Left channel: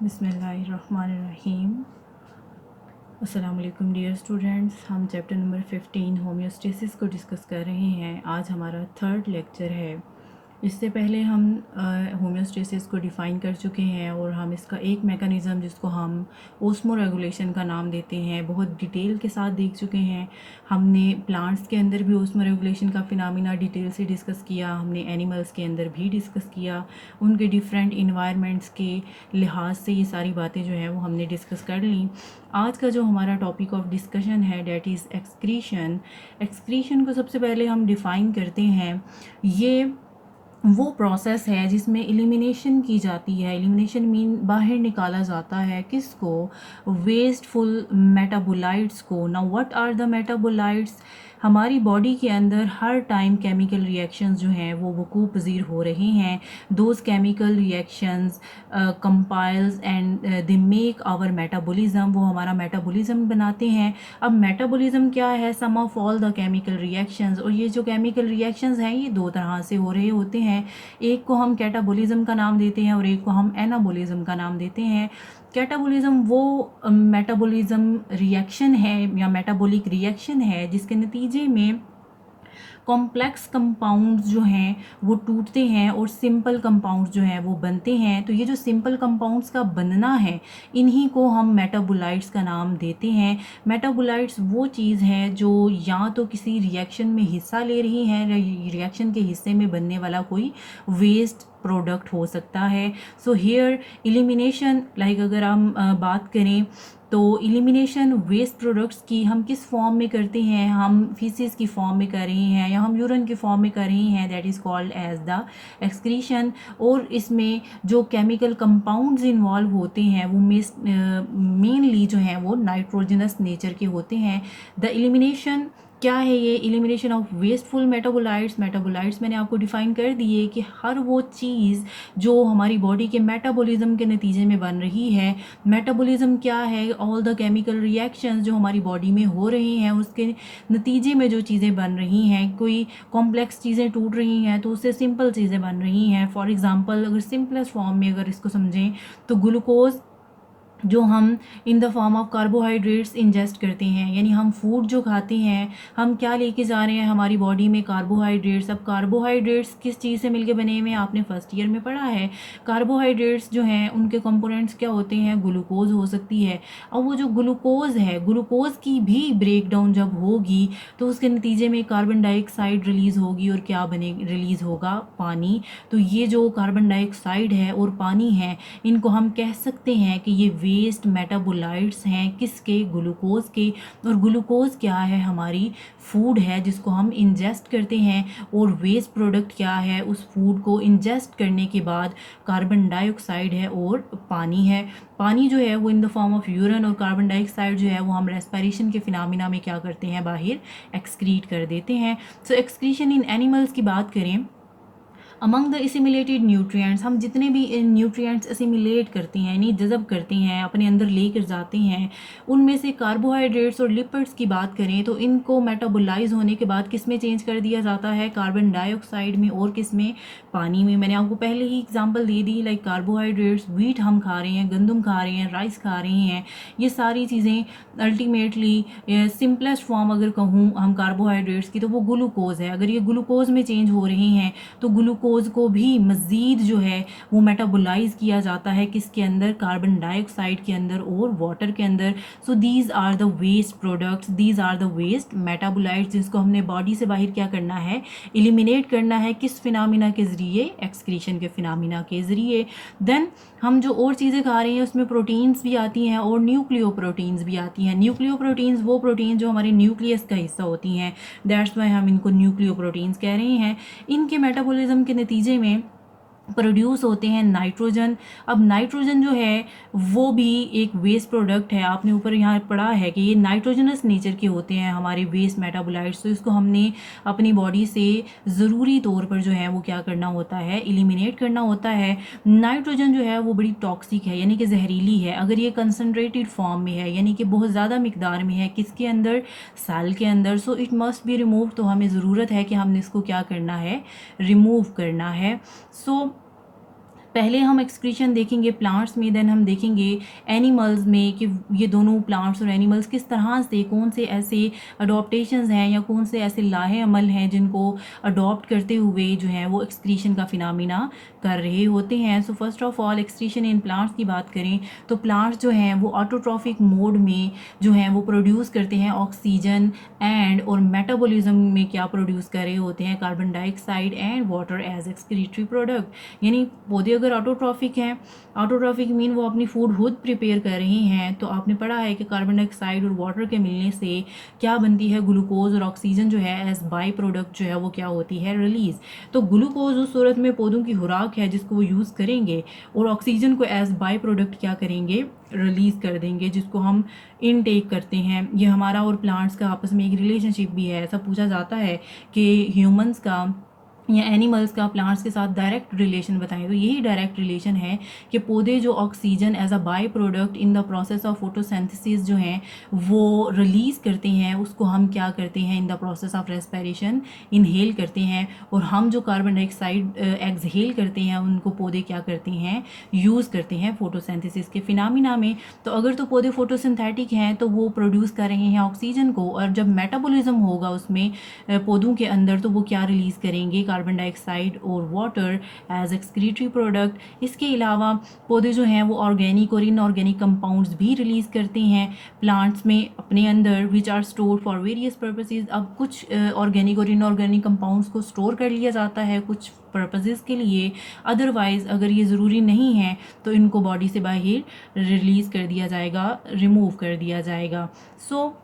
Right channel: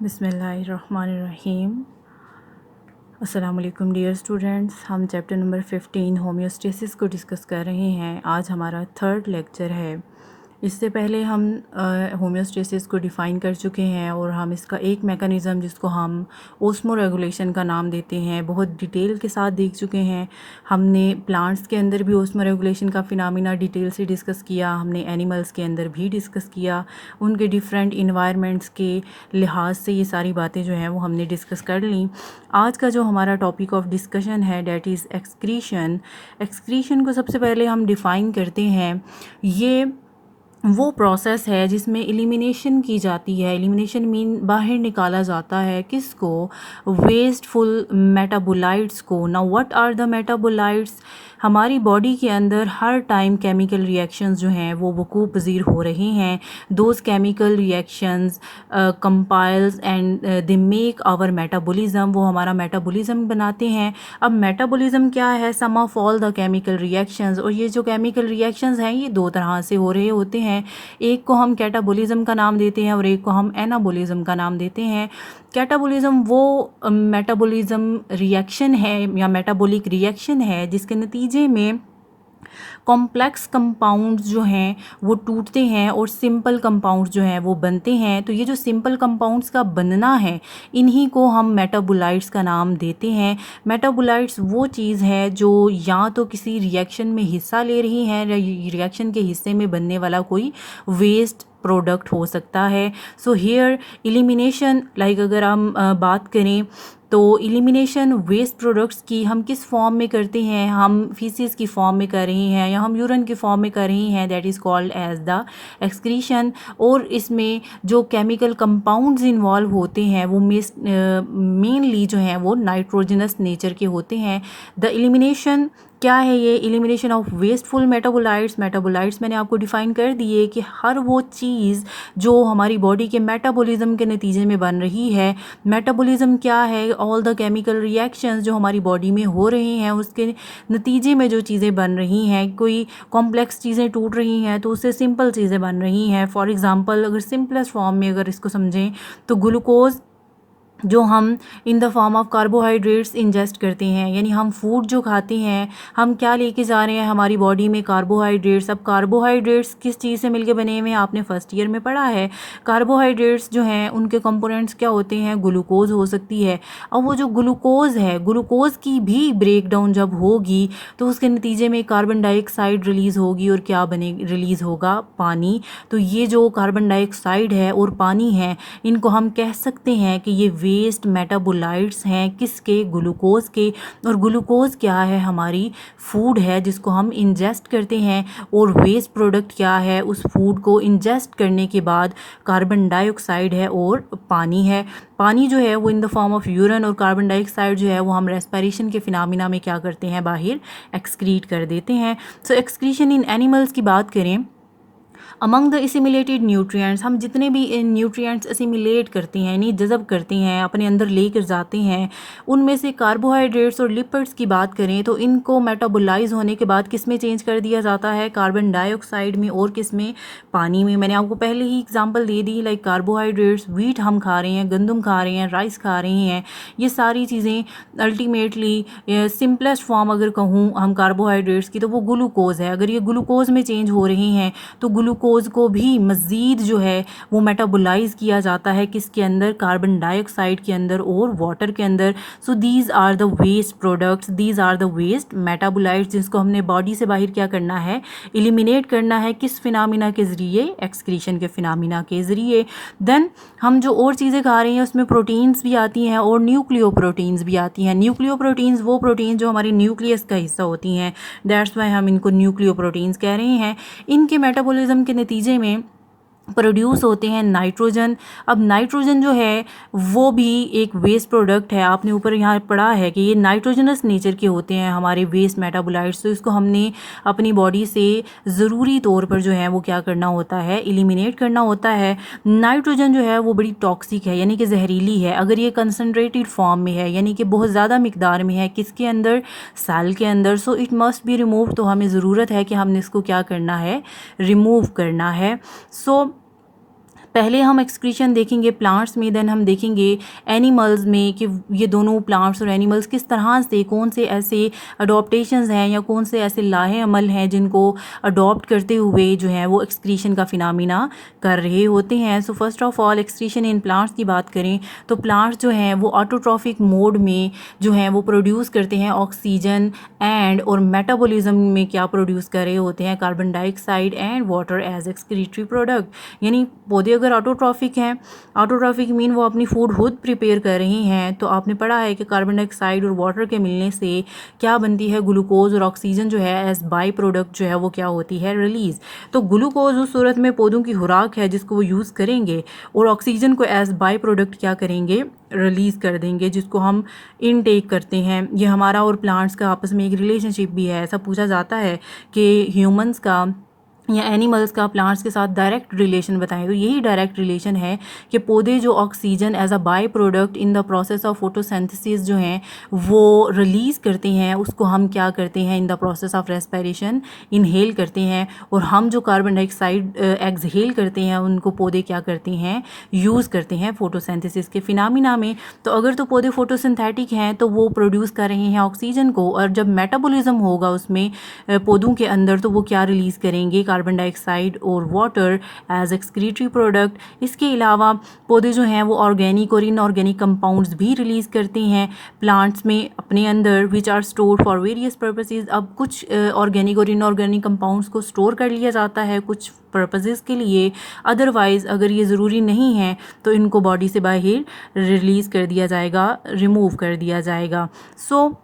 बिस्मिल्लाहिर्रहमानिर्रहीम। अस्सलाम वालेकुम डियर स्टूडेंट्स, हम चैप्टर नंबर 15 होम्योस्टेसिस को डिस्कस कर रहे हैं। आज हमारा थर्ड लेक्चर है। इससे पहले हम होम्योस्टेसिस को डिफ़ाइन कर चुके हैं और हम इसका एक मेकनिज़म जिसको हम ओस्मो रेगुलेशन का नाम देते हैं बहुत डिटेल के साथ देख चुके हैं। हमने प्लांट्स के अंदर भी ओस्मो रेगुलेशन का फिनोमिना डिटेल से डिस्कस किया, हमने एनिमल्स के अंदर भी डिस्कस किया, उनके डिफरेंट इन्वायरमेंट्स के लिहाज से ये सारी बातें जो हैं वो हमने डिस्कस कर ली। आज का जो हमारा टॉपिक ऑफ डिस्कशन है डैट इज़ एक्सक्रीशन। एक्सक्रीशन को सबसे पहले हम डिफ़ाइन करते हैं। ये वो प्रोसेस है जिसमें एलिमिनेशन की जाती है। एलिमिनेशन मीन बाहर निकाला जाता है किसको? वेस्टफुल मेटाबोलाइट्स को। Now what are the metabolites? हमारी बॉडी के अंदर हर टाइम केमिकल रिएक्शंस जो हैं वो वकूअ पज़ीर हो रहे हैं। Those chemical reactions compiles and they make our metabolism, वो हमारा मेटाबॉलिज्म बनाते हैं। अब मेटाबॉलिज्म क्या है? Sum of all the chemical reactions. और ये जो केमिकल रिएक्शंस हैं ये दो तरह से हो रहे होते हैं। एक को हम कैटाबॉलिज्म का नाम देते हैं और एक को हम एनाबॉलिज्म का नाम देते हैं। कैटाबॉलिज्म वो मेटाबॉलिज्म रिएक्शन है या मेटाबॉलिक रिएक्शन है जिसके नतीजे में कॉम्प्लेक्स कंपाउंड्स जो हैं वो टूटते हैं और सिंपल कंपाउंड्स जो हैं वो बनते हैं। तो ये जो सिंपल कंपाउंड्स का बनना है इन्हीं को हम मेटाबोलाइट्स का नाम देते हैं। मेटाबोलाइट्स वो चीज़ है जो या तो किसी रिएक्शन में हिस्सा ले रही हैं, रिएक्शन के हिस्से में बनने वाला कोई वेस्ट प्रोडक्ट हो सकता है। सो हेयर एलिमिनेशन, लाइक अगर हम बात करें तो एलिमिनेशन वेस्ट प्रोडक्ट्स की हम किस फॉर्म में करते हैं? हम फीसिस की फॉर्म में कर रहे हैं या हम यूरिन की फॉर्म में कर रहे हैं, that is called as the excretion. और इसमें जो केमिकल कंपाउंड्स इन्वॉल्व होते हैं वो मेनली जो हैं वो नाइट्रोजनस नेचर के होते हैं। द एलिमिनेशन क्या है? ये elimination of wasteful metabolites. Metabolites मैंने आपको डिफ़ाइन कर दिए कि हर वो चीज़ जो हमारी बॉडी के मेटाबॉलिज्म के नतीजे में बन रही है। मेटाबॉलिज्म क्या है? ऑल द केमिकल रिएक्शंस जो हमारी बॉडी में हो रहे हैं उसके नतीजे में जो चीज़ें बन रही हैं। कोई कॉम्प्लेक्स चीज़ें टूट रही हैं तो उससे सिंपल चीज़ें बन रही हैं। फॉर एग्ज़ाम्पल अगर सिंपलेस्ट फॉर्म में अगर इसको समझें तो ग्लूकोज़ जो हम in the form of carbohydrates ingest करते हैं, यानी हम फूड जो खाते हैं हम क्या लेके जा रहे हैं हमारी बॉडी में? कार्बोहाइड्रेट्स। अब कार्बोहाइड्रेट्स किस चीज़ से मिलके बने हुए हैं? आपने फर्स्ट ईयर में पढ़ा है। कार्बोहाइड्रेट्स जो हैं उनके कंपोनेंट्स क्या होते हैं? ग्लूकोज हो सकती है। अब वो जो ग्लूकोज है, ग्लूकोज की भी ब्रेक डाउन जब होगी तो उसके नतीजे में कार्बन डाइऑक्साइड रिलीज़ होगी और क्या बने रिलीज़ होगा? पानी। तो ये जो कार्बन डाइऑक्साइड है और पानी है इनको हम कह सकते हैं कि ये वेस्ट मेटाबोलाइट्स हैं। किसके? ग्लूकोज के। और ग्लूकोज क्या है? हमारी फूड है जिसको हम इंजेस्ट करते हैं। और वेस्ट प्रोडक्ट क्या है? उस फूड को इंजेस्ट करने के बाद कार्बन डाइऑक्साइड है और पानी है। पानी जो है वो in the form of urine और कार्बन डाइऑक्साइड जो है वो हम रेस्पिरेशन के फिनोमिना में क्या करते हैं? बाहर एक्सक्रीट कर देते हैं। सो एक्सक्रीशन इन एनिमल्स की बात करें, अमंग द एसिमिलेटेड न्यूट्रिएंट्स, हम जितने भी न्यूट्रिएंट्स एसिमिलेट करते हैं यानी जज़ब करते हैं अपने अंदर लेकर जाते हैं, उनमें से कार्बोहाइड्रेट्स और लिपिड्स की बात करें तो इनको मेटाबोलाइज होने के बाद किस में चेंज कर दिया जाता है? कार्बन डाइऑक्साइड में और किस में? पानी में। मैंने आपको पहले ही एग्जांपल दे दी, लाइक कार्बोहाइड्रेट्स, व्हीट हम खा रहे हैं, गंदम खा रहे हैं, राइस खा रहे हैं, ये सारी चीज़ें अल्टीमेटली सिंपलेस्ट फॉर्म अगर कहूँ हम कार्बोहाइड्रेट्स की तो वो ग्लूकोज है। अगर ये ग्लूकोज में चेंज हो रहे हैं तो ग्लूकोज को भी मज़ीद जो है वो मेटाबोलाइज किया जाता है किसके अंदर? कार्बन डाइऑक्साइड के अंदर और वाटर के अंदर। So these are the waste products, these are the waste metabolites जिसको हमने बॉडी से बाहर क्या करना है? एलिमिनेट करना है। किस फिनोमिना के ज़रिए? एक्सक्रीशन के फिनोमिना के ज़रिए। देन हम जो और चीज़ें खा रहे हैं उसमें प्रोटीन्स भी आती हैं और न्यूक्लियो प्रोटीन्स भी आती हैं। न्यूक्लियो प्रोटीन्स वो प्रोटीन जो हमारी न्यूक्लियस का हिस्सा होती हैं, दैट्स वाई हम इनको न्यूक्लियो प्रोटीन्स कह रहे हैं। इनके मेटाबॉलिज्म के नतीजे में प्रोड्यूस होते हैं नाइट्रोजन। अब नाइट्रोजन जो है वो भी एक वेस्ट प्रोडक्ट है। आपने ऊपर यहाँ पढ़ा है कि ये नाइट्रोजनस नेचर के होते हैं हमारे वेस्ट मेटाबोलाइट्स। तो इसको हमने अपनी बॉडी से ज़रूरी तौर पर जो है वो क्या करना होता है? एलिमिनेट करना होता है। नाइट्रोजन जो है वो बड़ी टॉक्सिक है यानी कि जहरीली है अगर ये कंसनट्रेटेड फॉर्म में है, यानी कि बहुत ज़्यादा मिकदार में है। किसके अंदर? सेल के अंदर। So it must be remove. तो हमें ज़रूरत है कि हमने इसको क्या करना है? रिमूव करना है। सो पहले हम एक्सक्रीशन देखेंगे प्लांट्स में, देन हम देखेंगे एनिमल्स में कि ये दोनों प्लांट्स और एनिमल्स किस तरह से, कौन से ऐसे अडोप्टेशंस हैं या कौन से ऐसे लाहे अमल हैं जिनको अडॉप्ट करते हुए जो है वो एक्सक्रीशन का फिनोमेना कर रहे होते हैं। So first of all excretion in plants की बात करें तो प्लांट्स जो हैं वो ऑटोट्रॉफिक मोड में जो हैं वो प्रोड्यूस करते हैं ऑक्सीजन एंड, और मेटाबॉलिज्म में क्या प्रोड्यूस कर रहे होते हैं, carbon dioxide and water as excretory product. यानी पौधे अगर ऑटोट्रॉफिक हैं, ऑटोट्रॉफिक मीन वो अपनी फूड खुद प्रिपेयर कर रहे हैं, तो आपने पढ़ा है कि कार्बन डाइऑक्साइड और वाटर के मिलने से क्या बनती है, ग्लूकोज और ऑक्सीजन जो है एज बाई प्रोडक्ट जो है वो क्या होती है, रिलीज़। तो ग्लूकोज उस सूरत में पौधों की खुराक है जिसको वो यूज़ करेंगे, और ऑक्सीजन को एज बाई प्रोडक्ट क्या करेंगे, रिलीज़ कर देंगे, जिसको हम इनटेक करते हैं। ये हमारा और प्लांट्स का आपस में एक रिलेशनशिप भी है। ऐसा पूछा जाता है कि ह्यूमंस का या एनिमल्स का प्लांट्स के साथ डायरेक्ट रिलेशन बताएं, तो यही डायरेक्ट रिलेशन है कि पौधे जो oxygen as a by product in the process of photosynthesis जो हैं वो रिलीज़ करते हैं, उसको हम क्या करते हैं इन the process of respiration inhale करते हैं, और हम जो कार्बन डाइऑक्साइड एक्सहेल करते हैं उनको पौधे क्या करते हैं, यूज़ करते हैं फोटोसिंथेसिस के फिनोमेना में। तो अगर तो पौधे फोटोसिंथेटिक हैं तो वो प्रोड्यूस कर रहे हैं ऑक्सीजन को, और जब मेटाबॉलिज्म होगा उसमें पौधों के अंदर तो वो क्या रिलीज़ करेंगे, कार्बन डाइऑक्साइड और वाटर एज एक्सक्रीटरी प्रोडक्ट। इसके अलावा पौधे जो हैं वो ऑर्गेनिक और इनऑर्गेनिक कंपाउंड्स भी रिलीज़ करते हैं प्लांट्स में अपने अंदर, which are store for various purposes. अब कुछ ऑर्गेनिक और इनऑर्गेनिक कंपाउंड्स को स्टोर कर लिया जाता है कुछ पर्पसेस के लिए, अदरवाइज़ अगर ये ज़रूरी नहीं है तो इनको बॉडी से बाहर रिलीज़ कर दिया जाएगा, रिमूव कर दिया जाएगा। सो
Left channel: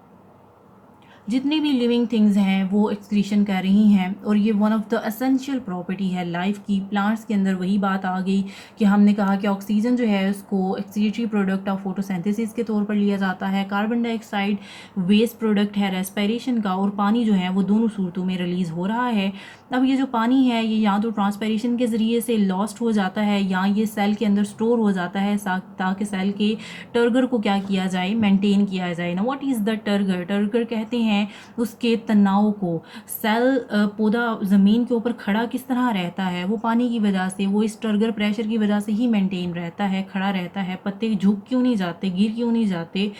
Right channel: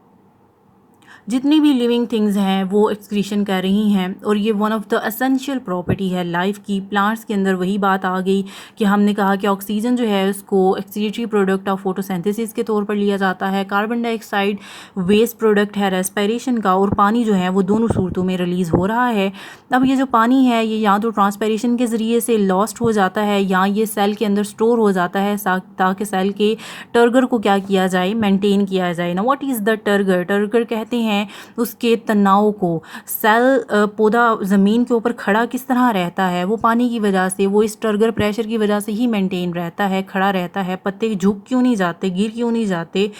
जितनी भी लिविंग थिंग्स हैं वो एक्सक्रीशन कर रही हैं, और ये one of the essential property है लाइफ की। प्लांट्स के अंदर वही बात आ गई कि हमने कहा कि ऑक्सीजन जो है उसको एक्सक्रीटरी प्रोडक्ट ऑफ फोटोसिंथेसिस के तौर पर लिया जाता है, कार्बन डाइऑक्साइड वेस्ट प्रोडक्ट है रेस्पिरेशन का, और पानी जो है वो दोनों सूरतों में रिलीज़ हो रहा है। अब ये जो पानी है ये या तो ट्रांसपिरेशन के ज़रिए से लॉस्ट हो जाता है या ये सेल के अंदर स्टोर हो जाता है ताकि सेल के टर्गर को क्या किया जाए, मेंटेन किया जाए ना। What is the turgor? Turgor कहते हैं उसके तनाव को। सेल पौधा ज़मीन के ऊपर खड़ा किस तरह रहता है, वो पानी की वजह से, वो इस टर्गर प्रेशर की वजह से ही मेंटेन रहता है, खड़ा रहता है। पत्ते झुक क्यों नहीं जाते, गिर क्यों नहीं जाते,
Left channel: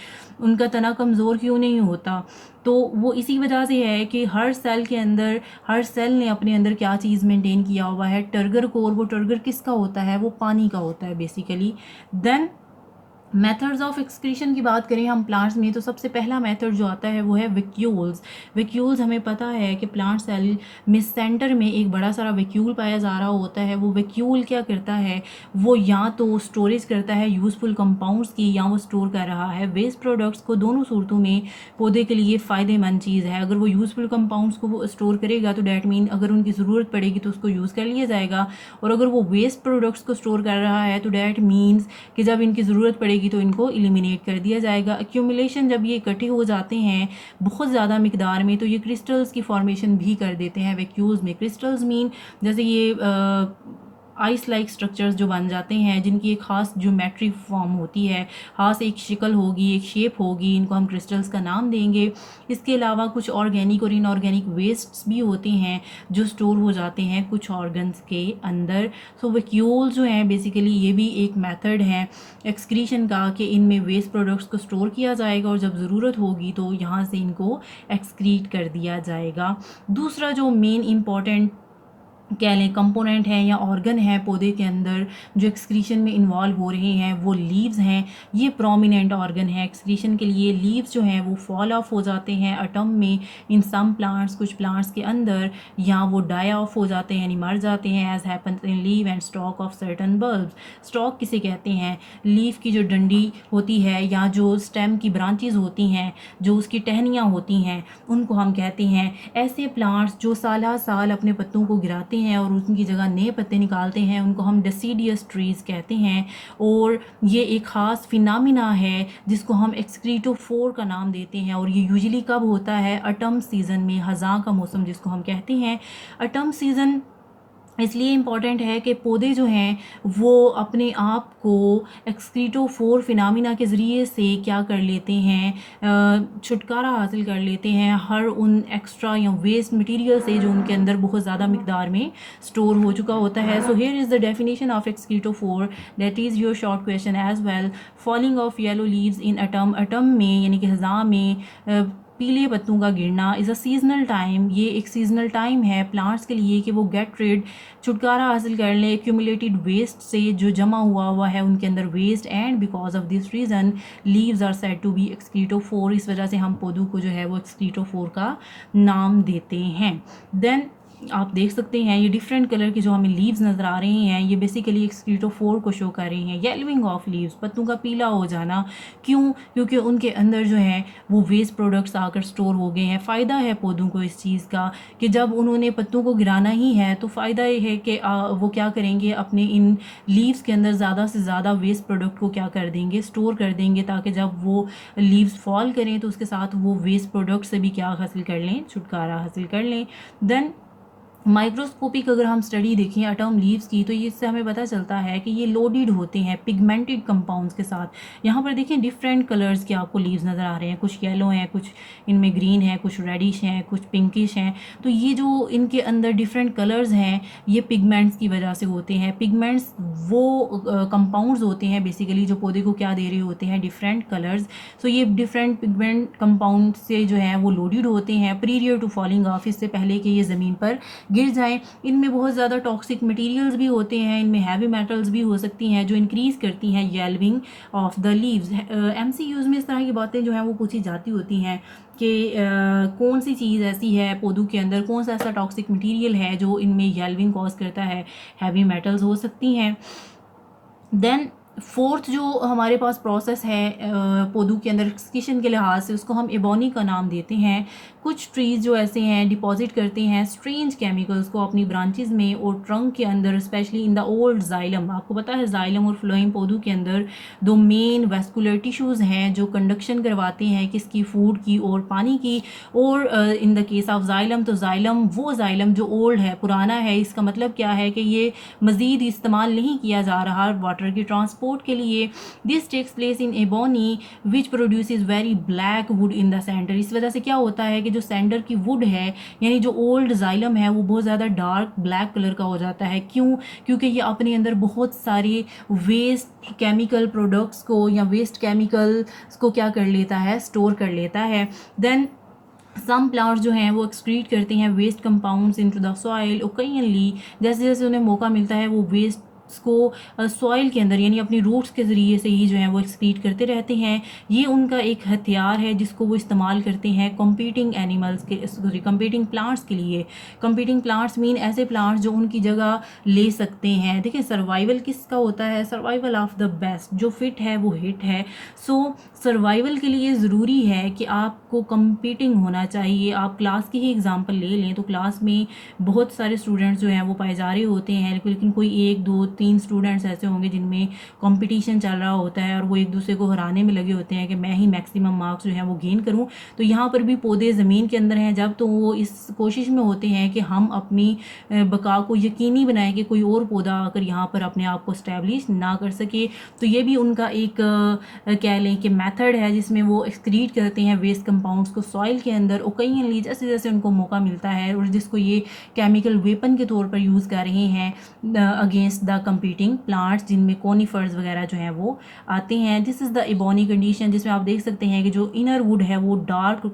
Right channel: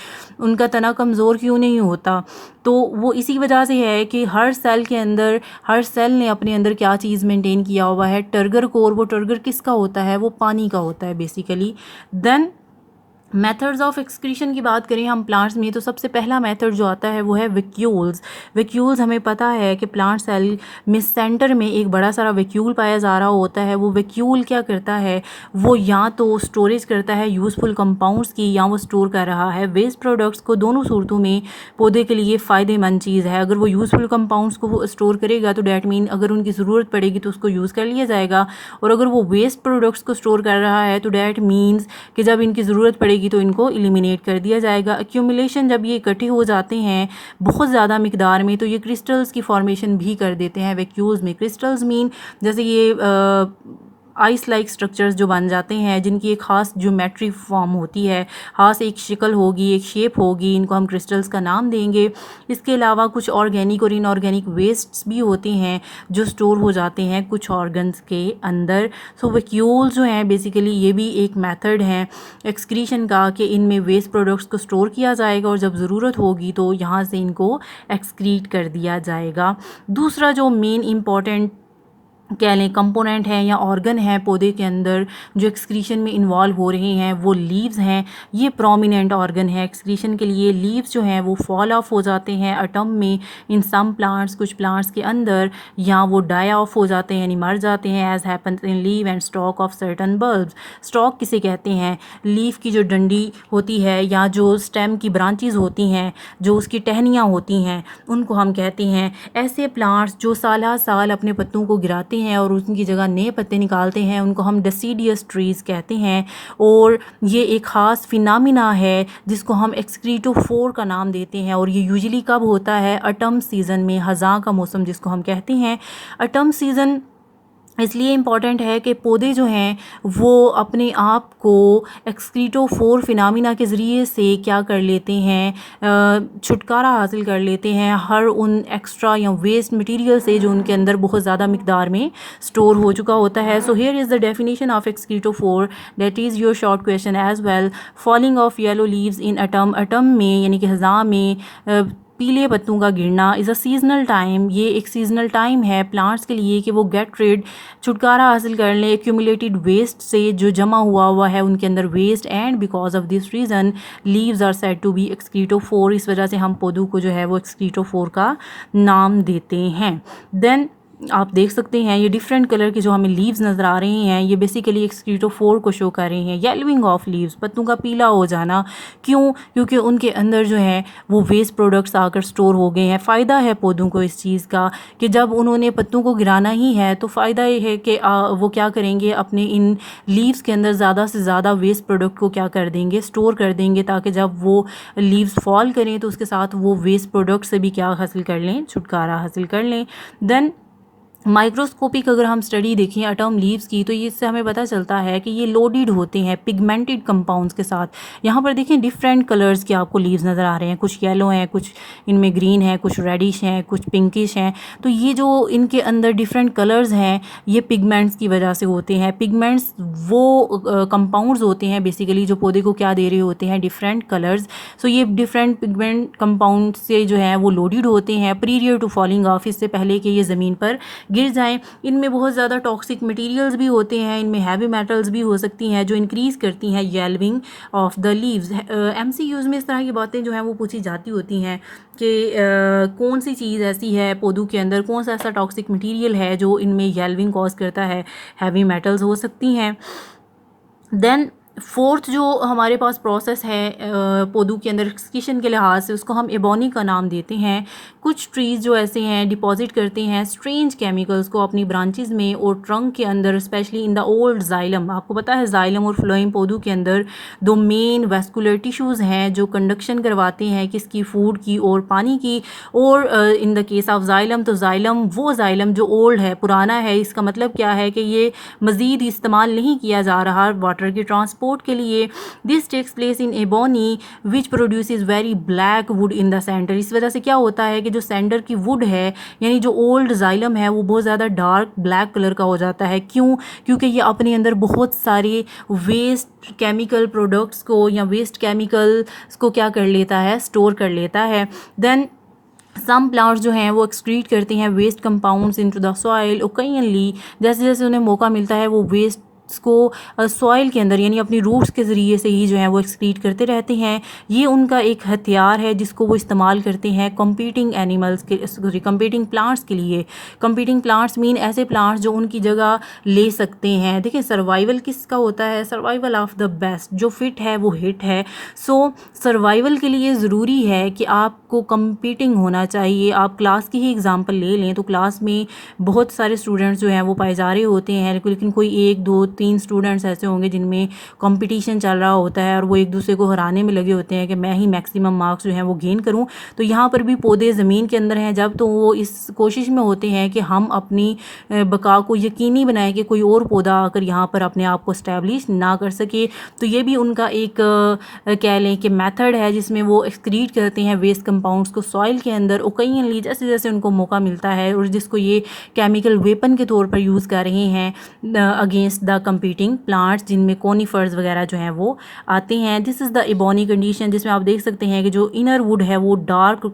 उनका तना कमज़ोर क्यों नहीं होता? तो वो इसी वजह से है कि हर सेल के अंदर, हर सेल ने अपने अंदर क्या चीज़ मेंटेन किया हुआ है, टर्गर को, और वो टर्गर किसका होता है, वो पानी का होता है basically. Then methods of excretion की बात करें हम प्लांट्स में, तो सबसे पहला मेथड जो आता है वो है वैक्यूल्स। वैक्यूल्स हमें पता है कि प्लांट सेल में सेंटर में एक बड़ा सारा वैक्यूल पाया जा रहा होता है। वो वैक्यूल क्या करता है, वो या तो स्टोरेज करता है यूज़फुल कंपाउंड्स की, या वो स्टोर कर रहा है वेस्ट प्रोडक्ट्स को। दोनों सूरतों में पौधे के लिए फ़ायदेमंद चीज़ है। अगर वो यूज़फुल कंपाउंड्स को स्टोर करेगा तो डैट मीन अगर उनकी ज़रूरत पड़ेगी तो उसको यूज़ कर लिया जाएगा, और अगर वो वेस्ट प्रोडक्ट्स को स्टोर कर रहा है तो डैट मीन्स कि जब इनकी ज़रूरत पड़ेगी तो इनको एलिमिनेट कर दिया जाएगा। एक्यूमुलेशन, जब ये इकट्ठे हो जाते हैं बहुत ज़्यादा मिकदार में तो ये क्रिस्टल्स की फॉर्मेशन भी कर देते हैं वैक्यूल्स में। क्रिस्टल्स मीन जैसे ये आइस लाइक स्ट्रक्चर्स जो बन जाते हैं जिनकी एक ख़ास ज्योमेट्री फॉर्म होती है, ख़ास एक शक्ल होगी, एक शेप होगी, इनको हम क्रिस्टल्स का नाम देंगे। इसके अलावा कुछ ऑर्गेनिक और इनऑर्गेनिक वेस्ट्स भी होते हैं जो स्टोर हो जाते हैं कुछ ऑर्गन्स के अंदर। सो वैक्यूल्स जो हैं बेसिकली ये भी एक मेथड है एक्सक्रीशन का कि इनमें वेस्ट प्रोडक्ट्स को स्टोर किया जाएगा और जब ज़रूरत होगी तो यहाँ से इनको एक्सक्रीट कर दिया जाएगा। दूसरा जो मेन इम्पॉर्टेंट कह लें कंपोनेंट है या ऑर्गन है पौधे के अंदर जो एक्सक्रीशन में इन्वॉल्व हो रहे हैं वो लीव्स हैं। ये प्रोमिनेंट ऑर्गन है एक्सक्रीशन के लिए। लीव्स जो हैं वो फॉल ऑफ हो जाते हैं अटम में इन सम प्लांट्स, कुछ प्लांट्स के अंदर, या वो डाई ऑफ हो जाते हैं यानी मर जाते हैं as happens in leave and stock of certain bulbs. Stock किसे कहते हैं? लीफ की जो डंडी होती है या जो स्टेम की ब्रांचेज होती हैं, जो उसकी टहनियाँ होती हैं, उनको हम कहते हैं। ऐसे प्लांट्स जो साल साल अपने पत्तों को गिराते हैं और उनकी जगह नए पत्ते निकालते हैं उनको हम डेसीडियस ट्रीज़ कहते हैं। और ये एक ख़ास फिनोमिना है जिसको हम एक्सक्रीटोफोर का नाम देते हैं, और ये यूजुअली कब होता है? अटम सीज़न में, ख़ज़ां का मौसम जिसको हम कहते हैं। अटम सीज़न इसलिए इम्पॉर्टेंट है कि पौधे जो हैं वो अपने आप को एक्सक्रीटोफोर फिनामिना के ज़रिए से क्या कर लेते हैं, छुटकारा हासिल कर लेते हैं हर उन एक्स्ट्रा या वेस्ट मटेरियल से जो उनके अंदर बहुत ज़्यादा मिकदार में स्टोर हो चुका होता है. So here is the definition of excretophore, that is your short question as well. Falling of yellow leaves in autumn में यानी कि ख़ज़ां में पीले पत्तों का गिरना इज़ अ सीजनल टाइम. ये एक सीजनल टाइम है प्लांट्स के लिए कि वो गेट रिड, छुटकारा हासिल कर लें एक्यूमुलेटेड वेस्ट से, जो जमा हुआ है उनके अंदर waste. And because of this reason leaves are said to be excretophore. इस वजह से हम पौधों को जो है वो एक्सक्रीटोफोर का नाम देते हैं. देन आप देख सकते हैं ये डिफरेंट कलर के जो हमें लीव्स नज़र आ रहे हैं, ये बेसिकली एक्सक्रीटोफोर को शो कर रहे हैं. येलोइंग ऑफ लीव्स, पत्तों का पीला हो जाना. क्यों? क्योंकि उनके अंदर जो है वो वेस्ट प्रोडक्ट्स आकर स्टोर हो गए हैं. फ़ायदा है पौधों को इस चीज़ का कि जब उन्होंने पत्तों को गिराना ही है तो फ़ायदा ये है कि वो क्या करेंगे, अपने इन लीव्स के अंदर ज़्यादा से ज़्यादा वेस्ट प्रोडक्ट को क्या कर देंगे, स्टोर कर देंगे, ताकि जब वो लीव्स फॉल करें तो उसके साथ वो वेस्ट प्रोडक्ट से भी क्या हासिल कर लें, छुटकारा हासिल कर लें. देन माइक्रोस्कोपिक अगर हम स्टडी देखें अटम लीव्स की तो ये इससे हमें पता चलता है कि ये लोडेड होते हैं पिगमेंटेड कंपाउंड्स के साथ. यहाँ पर देखें डिफरेंट कलर्स के आपको लीव्स नज़र आ रहे हैं, कुछ येलो हैं, कुछ इनमें ग्रीन है, कुछ रेडिश हैं, कुछ पिंकिश हैं. तो ये जो इनके अंदर डिफरेंट कलर्स हैं ये पिगमेंट्स की वजह से होते हैं. पिगमेंट्स वो कंपाउंड्स होते हैं बेसिकली जो पौधे को क्या दे रहे होते हैं, डिफरेंट कलर्स. सो ये डिफरेंट पिगमेंट कंपाउंड से जो है वो लोडेड होते हैं प्रीरियर टू फॉलिंग ऑफ, इससे पहले कि ये ज़मीन पर गिर जाएं. इनमें बहुत ज़्यादा टॉक्सिक मटेरियल्स भी होते हैं, इनमें हैवी मेटल्स भी हो सकती हैं जो इंक्रीज़ करती हैं yellowing of the leaves. MCQs में इस तरह की बातें जो हैं वो पूछी जाती होती हैं कि कौन सी चीज़ ऐसी है पौधों के अंदर, कौन सा ऐसा टॉक्सिक मटेरियल है जो इनमें येलोइंग कॉज करता है. हैवी मेटल्स हो सकती हैं. देन फोर्थ जो हमारे पास प्रोसेस है पौधों के अंदर एक्सक्रीशन के लिहाज से, उसको हम एबोनी का नाम देते हैं. कुछ ट्रीज़ जो ऐसे हैं डिपॉजिट करते हैं स्ट्रेंज केमिकल्स को अपनी ब्रांचेस में और ट्रंक के अंदर, specially in the old xylem. आपको पता है जाइलम और फ्लोएम पौधों के अंदर दो मेन वेस्कुलर टिश्यूज़ हैं जो कंडक्शन करवाते हैं किसकी, फूड की और पानी की. और in the case of xylem तो जाइलम वो जाइलम जो ओल्ड है, पुराना है, इसका मतलब क्या है कि ये मज़ीद इस्तेमाल नहीं किया जा रहा वाटर के ट्रांसपोर्ट के लिए. This takes place in ebony which produces very black wood in the center. इस वजह से क्या होता है कि जो सेंटर की वुड है यानी जो ओल्ड जाइलम है वो बहुत ज़्यादा डार्क ब्लैक कलर का हो जाता है. क्यों? क्योंकि ये अपने अंदर बहुत सारे वेस्ट केमिकल प्रोडक्ट्स को या वेस्ट केमिकल्स को क्या कर लेता है, स्टोर कर लेता है. देन सम प्लांट्स जो हैं वो एक्सक्रीट करते हैं waste compounds into the soil. Occasionally जैसे जैसे उन्हें मौका मिलता है वो वेस्ट को सॉइल के अंदर यानी अपनी रूट्स के ज़रिए से ही जो है वो एक्सक्रीट करते रहते हैं. ये उनका एक हथियार है जिसको वो इस्तेमाल करते हैं कम्पीटिंग एनिमल्स के, कम्पीटिंग प्लांट्स के लिए. कम्पीटिंग प्लांट्स मीन ऐसे प्लांट्स जो उनकी जगह ले सकते हैं. देखिए सर्वाइवल किसका होता है, सर्वाइवल ऑफ द बेस्ट. जो फिट है वो हिट है. सो सर्वाइवल के लिए ज़रूरी है कि आपको कम्पीटिंग होना चाहिए. आप क्लास की ही एग्ज़ाम्पल ले लें तो क्लास में बहुत सारे स्टूडेंट्स जो हैं वो पाए जा रहे होते हैं, लेकिन कोई 1 2 3 स्टूडेंट्स ऐसे होंगे जिनमें कंपटीशन चल रहा होता है और वो एक दूसरे को हराने में लगे होते हैं कि मैं ही मैक्सिमम मार्क्स जो हैं वो गेन करूं. तो यहाँ पर भी पौधे ज़मीन के अंदर हैं जब, तो वो इस कोशिश में होते हैं कि हम अपनी बका को यकीनी बनाएं कि कोई और पौधा आकर यहाँ पर अपने आप को इस्टेब्लिश ना कर सके. तो ये भी उनका एक कह लें कि मेथड है जिसमें वो एक्सक्रीट करते हैं वेस्ट कंपाउंड्स को सॉइल के अंदर ओकेजनली जैसे जैसे उनको मौका मिलता है, और जिसको ये केमिकल वेपन के तौर पर यूज़ कर रहे हैं अगेंस्ट द कंपीटिंग प्लांट्स जिनमें कोनीफर्स वगैरह जो हैं वो आते हैं. This is the ebony condition जिसमें आप देख सकते हैं कि जो इनर वुड है वो डार्क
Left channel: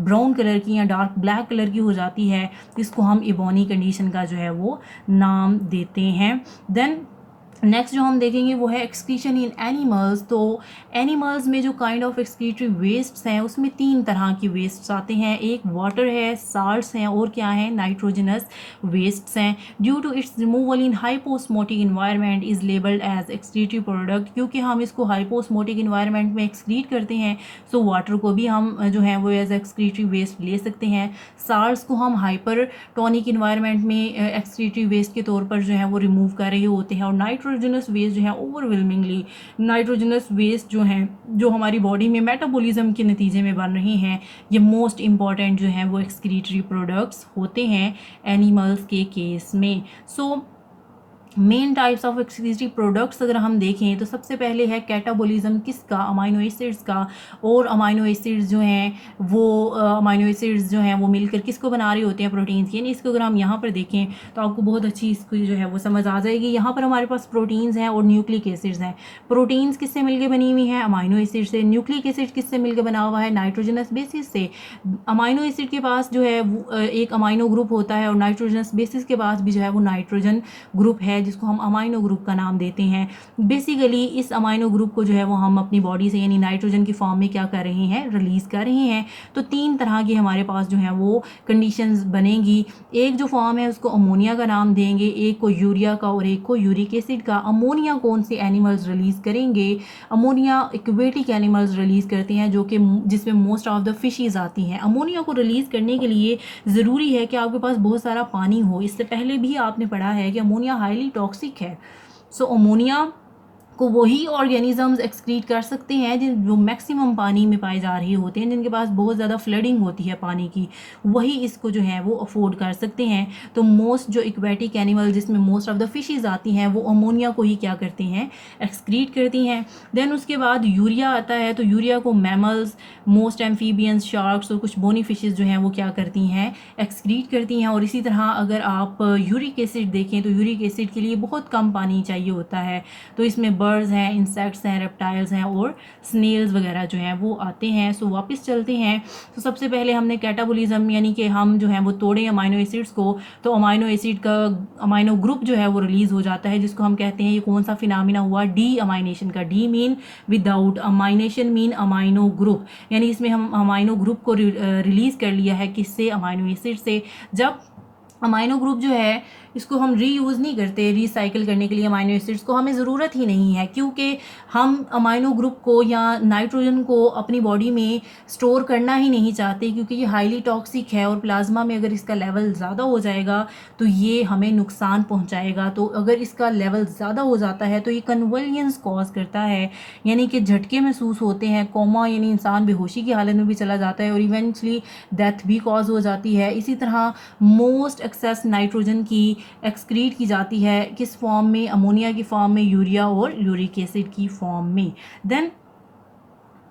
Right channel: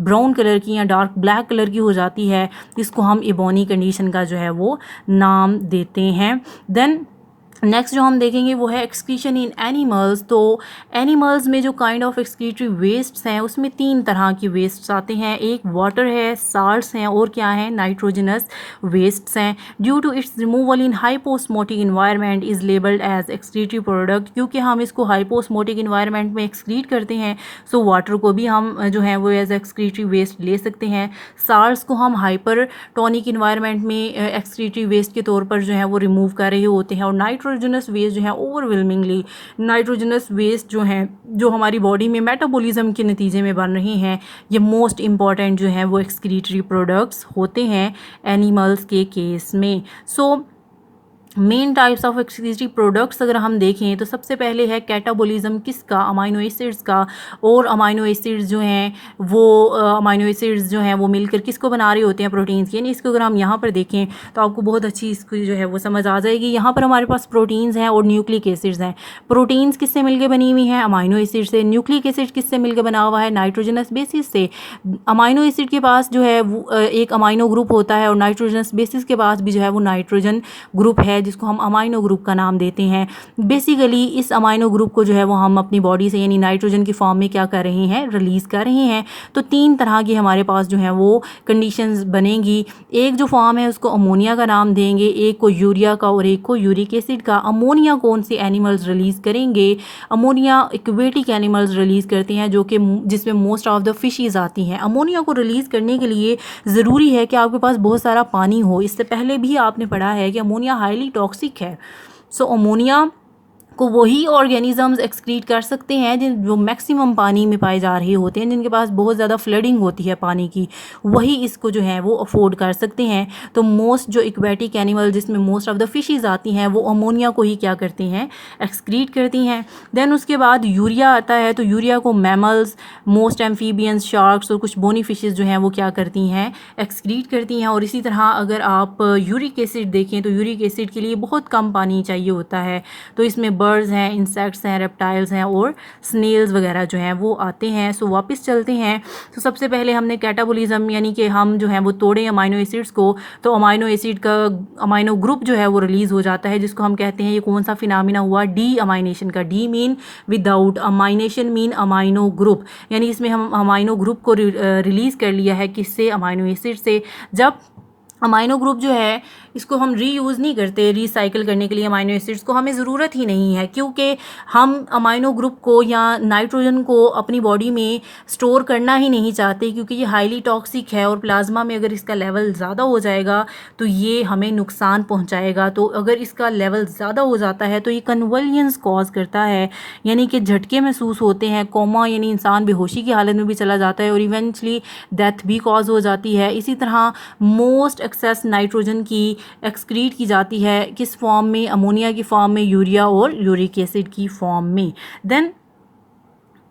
ब्राउन कलर की या डार्क ब्लैक कलर की हो जाती है. इसको हम एबोनी कंडीशन का जो है वो नाम देते हैं. देन नेक्स्ट जो हम देखेंगे वो है एक्सक्रीशन इन एनिमल्स. तो एनिमल्स में जो काइंड ऑफ एक्सक्रीटरी वेस्ट्स हैं उसमें 3 तरह की वेस्ट्स आते हैं. एक वाटर है, साल्ट्स हैं और क्या है, नाइट्रोजनस वेस्ट्स हैं. Due to its removal in hyposmotic environment is labelled as excretory product. क्योंकि हम इसको हाइपोस्मोटिक इन्वायरमेंट में एक्सक्रीट करते हैं सो वाटर को भी हम जो है वो एज एक्सक्रीटरी वेस्ट ले सकते हैं. साल्ट्स को हम हाइपर टॉनिक इन्वायरमेंट में एक्सक्रीटरी वेस्ट के तौर पर जो है वो रिमूव कर रहे होते हैं. और नाइट्रोजन नाइट्रोजनस वेस्ट जो है ओवरवेलमिंगली नाइट्रोजनस वेस्ट जो हैं जो हमारी बॉडी में मेटाबॉलिज्म के नतीजे में बन रहे हैं, ये मोस्ट इम्पॉर्टेंट जो हैं वो एक्सक्रीटरी प्रोडक्ट्स होते हैं एनिमल्स के केस में। So main types of excretory products अगर हम देखें तो सबसे पहले है कैटाबॉलिज्म किसका, अमाइनो एसिड्स का। और अमाइनो एसिड्स जो हैं वो अमाइनो एसिड्स जो हैं वो मिलकर किसको बना रहे होते हैं, प्रोटीन्स। यानी इसको अगर हम यहाँ पर देखें तो आपको बहुत अच्छी इसकी जो है वो समझ आ जाएगी। यहाँ पर हमारे पास प्रोटीन्स हैं और न्यूक्लिक एसिड्स हैं। प्रोटीन्स किससे मिलकर बनी हुई हैं, अमाइनो एसिड से। न्यूक्लिक एसिड किससे मिलकर बना हुआ है, नाइट्रोजनस बेसिस से। अमाइनो एसिड के पास जो है वो एक अमाइनो ग्रुप होता है और नाइट्रोजनस बेसिस के पास भी जो है वो नाइट्रोजन ग्रुप है जिसको हम अमाइनो ग्रुप का नाम देते हैं। बेसिकली इस अमाइनो ग्रुप को जो है वो हम अपनी बॉडी से यानी नाइट्रोजन की फॉर्म में क्या कर रहे हैं, रिलीज़ कर रहे हैं। तो 3 तरह की हमारे पास जो है वो कंडीशंस बनेंगी। एक जो फॉर्म है उसको अमोनिया का नाम देंगे, एक को यूरिया का और एक को यूरिक एसिड का। अमोनिया कौन से एनिमल्स रिलीज़ करेंगे, अमोनिया एक्वेटिक एनिमल्स रिलीज़ करते हैं जो कि जिसमें मोस्ट ऑफ द फिशेज़ आती हैं। अमोनिया को रिलीज़ करने के लिए ज़रूरी है कि आपके पास बहुत सारा पानी हो। इससे पहले भी आपने पढ़ा है कि अमोनिया हाईली टॉक्सिक है। सो अमोनिया को वही ऑर्गेनिजम्स एक्सक्रीट कर सकते हैं जो मैक्सिमम पानी में पाए जा रहे होते हैं, जिनके पास बहुत ज़्यादा फ्लडिंग होती है पानी की, वही इसको जो है वो अफोर्ड कर सकते हैं। तो मोस्ट जो एक्वेटिक एनिमल जिसमें मोस्ट ऑफ द फिशेज़ आती हैं वो अमोनिया को ही क्या करती हैं, एक्सक्रीट करती हैं। देन उसके बाद यूरिया आता है। तो यूरिया को मैमल्स, मोस्ट एम्फीबियंस, शार्क्स और कुछ बोनी फिशेज़ जो हैं वो क्या करती हैं, एक्सक्रीट करती हैं। और इसी तरह अगर आप यूरिक एसिड देखें तो यूरिक एसिड के लिए बहुत कम पानी चाहिए होता है। तो इसमें बर्ड्स हैं, इंसेक्ट्स हैं, रेप्टाइल्स हैं और स्नेल्स वगैरह जो हैं वो आते हैं। सो वापस चलते हैं। तो सबसे पहले हमने कैटाबॉलिज्म यानी कि हम जो हैं वो तोड़ें अमाइनो एसिड्स को, तो अमाइनो एसिड का अमाइनो ग्रुप जो है वो रिलीज़ हो जाता है जिसको हम कहते हैं, ये कौन सा फिनामिना हुआ, डी अमाइनेशन का। D mean without, amination mean amino group, यानी इसमें हम अमाइनो ग्रुप को रिलीज़ कर लिया है किससे, अमाइनो एसिड से। जब अमाइनो ग्रुप जो है इसको हम रीयूज़ नहीं करते, रिसाइकिल करने के लिए अमाइनो एसिड्स को हमें ज़रूरत ही नहीं है, क्योंकि हम अमाइनो ग्रुप को या नाइट्रोजन को अपनी बॉडी में स्टोर करना ही नहीं चाहते, क्योंकि ये हाईली टॉक्सिक है और प्लाज्मा में अगर इसका लेवल ज़्यादा हो जाएगा तो ये हमें नुकसान पहुंचाएगा। तो अगर इसका लेवल ज़्यादा हो जाता है तो ये कन्वल्जन्स कॉज करता है, यानी कि झटके महसूस होते हैं, कोमा यानी इंसान बेहोशी की हालत में भी चला जाता है और इवेंचुअली डेथ भी कॉज हो जाती है। इसी तरह मोस्ट एक्सेस नाइट्रोजन की एक्सक्रीट की जाती है किस फॉर्म में, अमोनिया की फॉर्म में, यूरिया और यूरिक एसिड की फॉर्म में। देन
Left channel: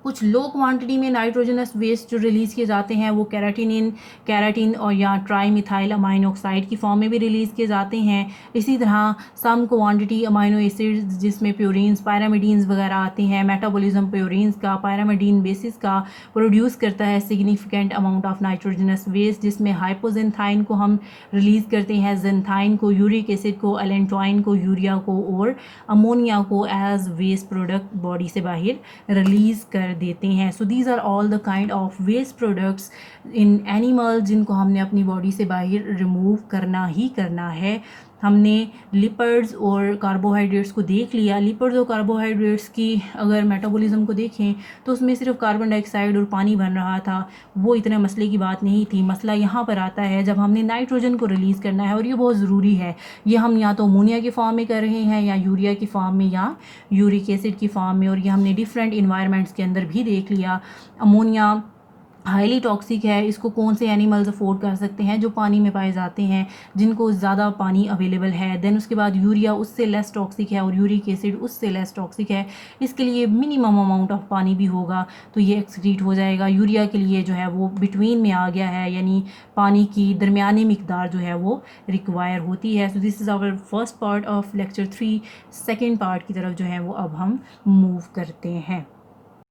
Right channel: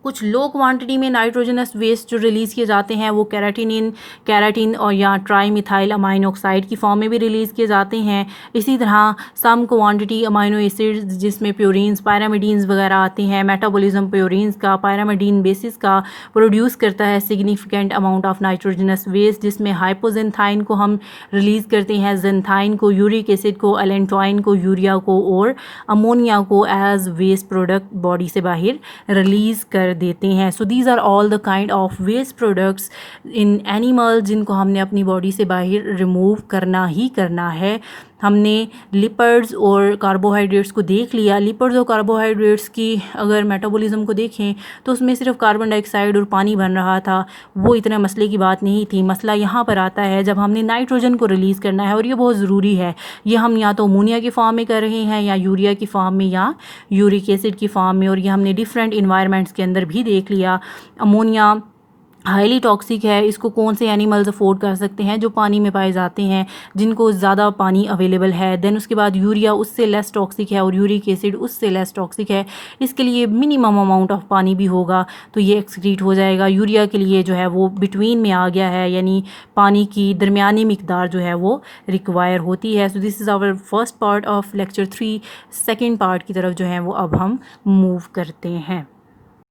कुछ लो क्वांटिटी में नाइट्रोजनस वेस्ट जो रिलीज़ किए जाते हैं वो कैराटिन और या ट्राई मिथाइल अमाइन ऑक्साइड की फॉर्म में भी रिलीज़ किए जाते हैं। इसी तरह सम क्वांटिटी अमाइनो एसिड्स जिसमें प्योरीन्स, पायरामिडीन्स वगैरह आते हैं, मेटाबॉलिज्म प्योरीन्स का, पायरामिडीन बेसिस का प्रोड्यूस करता है significant amount of nitrogenous waste, जिसमें हाइपोजेंथाइन को हम रिलीज़ करते हैं, जेंथाइन को, यूरिक एसिड को, एलेंटोइन को, यूरिया को और अमोनिया को एज वेस्ट प्रोडक्ट बॉडी से बाहर रिलीज़ कर देते हैं। So these are all the kind of waste products in animal जिनको हमने अपनी बॉडी से बाहर रिमूव करना ही करना है। हमने लिपिड्स और कार्बोहाइड्रेट्स को देख लिया। लिपिड्स और कार्बोहाइड्रेट्स की अगर मेटाबॉलिज्म को देखें तो उसमें सिर्फ कार्बन डाइऑक्साइड और पानी बन रहा था, वो इतने मसले की बात नहीं थी। मसला यहाँ पर आता है जब हमने नाइट्रोजन को रिलीज़ करना है, और ये बहुत ज़रूरी है। ये हम या तो अमोनिया की फॉर्म में कर रहे हैं या यूरिया की फॉर्म में या यूरिक एसिड की फॉर्म में, और ये हमने डिफरेंट इन्वायरमेंट्स के अंदर भी देख लिया। अमोनिया हाईली टॉक्सिक है, इसको कौन से एनिमल्स अफोर्ड कर सकते हैं, जो पानी में पाए जाते हैं, जिनको ज़्यादा पानी अवेलेबल है। देन उसके बाद यूरिया उससे लेस टॉक्सिक है और यूरिक एसिड उससे लेस टॉक्सिक है, इसके लिए मिनिमम अमाउंट ऑफ पानी भी होगा तो ये एक्सक्रीट हो जाएगा। यूरिया के लिए जो है वो बिटवीन में आ गया है, यानी पानी की दरमियानी मिकदार जो है वो रिक्वायर होती है। So this is our first part of lecture 3। Second part की तरफ जो है वो अब हम मूव करते हैं।